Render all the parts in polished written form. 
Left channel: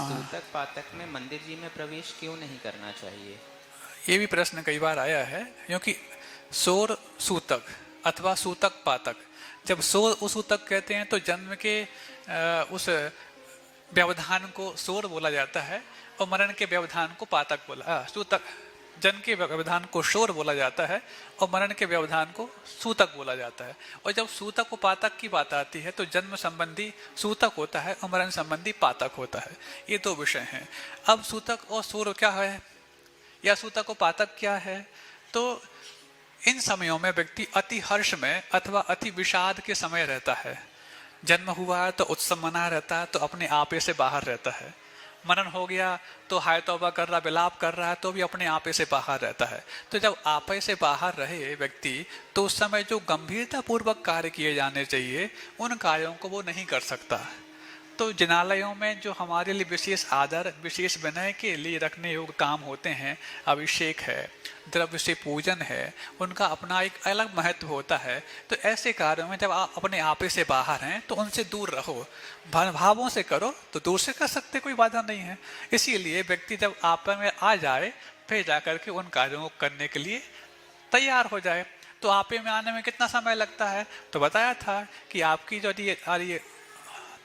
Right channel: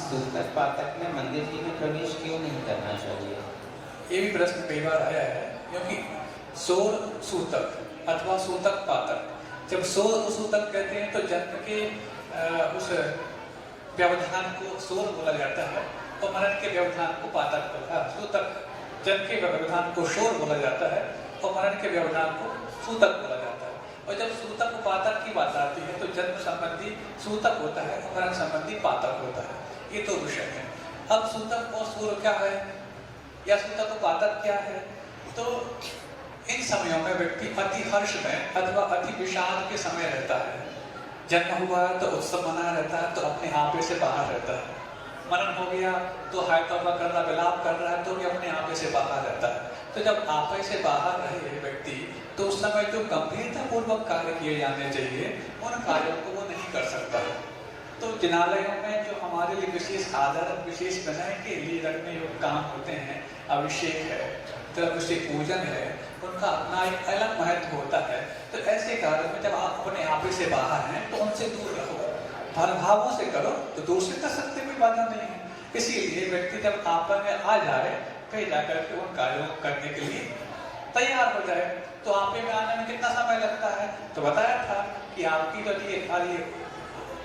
सूतक पातक में मंदिर जी में प्रवेश क्यों नहीं करना चाहिए? ये भी प्रश्न कई बार आया है, क्योंकि सोर सूतक अथवा सूतक पातक, जब सोर सूतक कहते हैं तो जन्म के उस व्यवधान को सोर बोला जाता है और मरण के व्यवधान को पातक बोला, सूतक जन्म के व्यवधान को शोर बोला जाता है और मरण के व्यवधान को सूतक बोला जाता है। और जब सूतक उपातक की बात आती है तो जन्म संबंधी सूतक होता है और मरण संबंधी पातक होता है। ये दो विषय हैं। अब सूतक और सूर क्या है या सूतक उपातक क्या है? तो इन समयों में व्यक्ति अति हर्ष में अथवा अति विषाद के समय रहता है। जन्म हुआ है तो उत्सव मना रहता है, तो अपने आपे से बाहर रहता है। मरण हो गया तो हाय तौबा कर रहा, विलाप कर रहा है, तो भी अपने आपे से बाहर रहता है। तो जब आपे से बाहर रहे व्यक्ति, तो उस समय जो गंभीरता पूर्वक कार्य किए जाने चाहिए उन कार्यों को वो नहीं कर सकता है। तो जिनालयों में जो हमारे लिए विशेष आदर, विशेष विनय के लिए रखने योग्य काम होते हैं, अभिषेक है, द्रव्य से पूजन है, उनका अपना एक अलग महत्व होता है। तो ऐसे कार्यों में जब आप अपने आपे से बाहर हैं तो उनसे दूर रहो, भावों से करो तो दूर से कर सकते, कोई बाधा नहीं है। इसीलिए व्यक्ति जब आपा में आ जाए फिर जाकर के उन कार्यों को करने के लिए तैयार हो जाए। तो आपे में आने में कितना समय लगता है? तो बताया था कि आपकी जो ये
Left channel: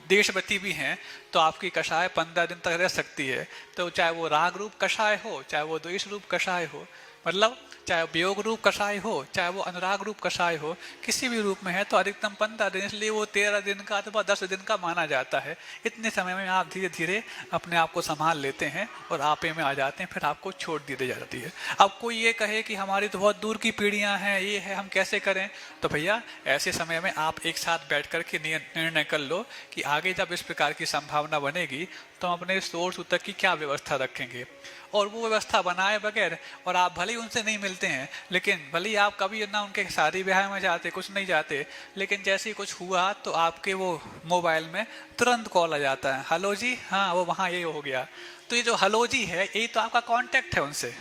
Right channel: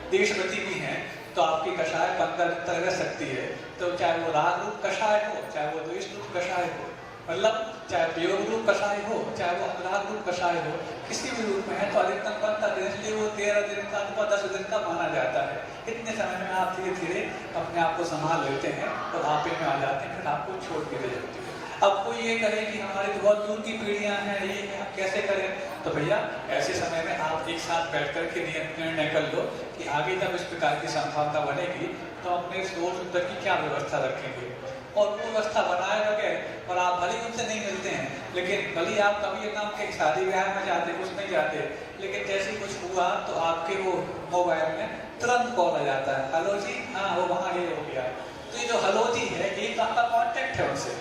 देशवती भी हैं तो आपकी कषाय 15 दिन तक रह सकती है। तो चाहे वो राग रूप कषाय हो, चाहे वो द्वेष रूप कषाय हो, मतलब चाहे वियोग रूप कषाय हो, चाहे वो अनुराग रूप कषाय हो, किसी भी रूप में है तो अधिकतम 15 दिन, इसलिए वो 13 दिन का अथवा 10 दिन का माना जाता है। इतने समय में आप धीरे धीरे अपने आप को संभाल लेते हैं और आपे में आ जाते हैं, फिर आपको छोड़ दी जाती है। अब कोई ये कहे कि हमारी तो बहुत दूर की पीढ़ियां हैं, ये है, हम कैसे करें? तो भैया ऐसे समय में आप एक साथ बैठ कर के निर्णय कर लो कि आगे जब इस प्रकार की संभावना बनेगी तो अपने सोर सूतक की क्या व्यवस्था रखेंगे, और वो व्यवस्था बनाए बगैर, और आप भले उनसे नहीं मिलते हैं, लेकिन भले आप कभी ना उनके शादी ब्याह में जाते, कुछ नहीं जाते, लेकिन जैसे कुछ हुआ तो आपके वो मोबाइल में तुरंत कॉल आ जाता है, हेलो जी, हाँ वो वहाँ ये हो गया। तो ये जो हेलो जी है, यही तो आपका कांटेक्ट है उनसे,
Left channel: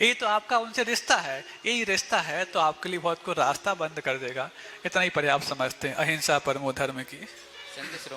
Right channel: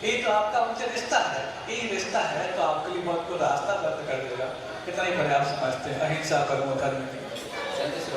यही तो आपका उनसे रिश्ता है। यही रिश्ता है तो आपके लिए बहुत को रास्ता बंद कर देगा। इतना ही पर्याप्त समझते हैं। अहिंसा परमो धर्म की।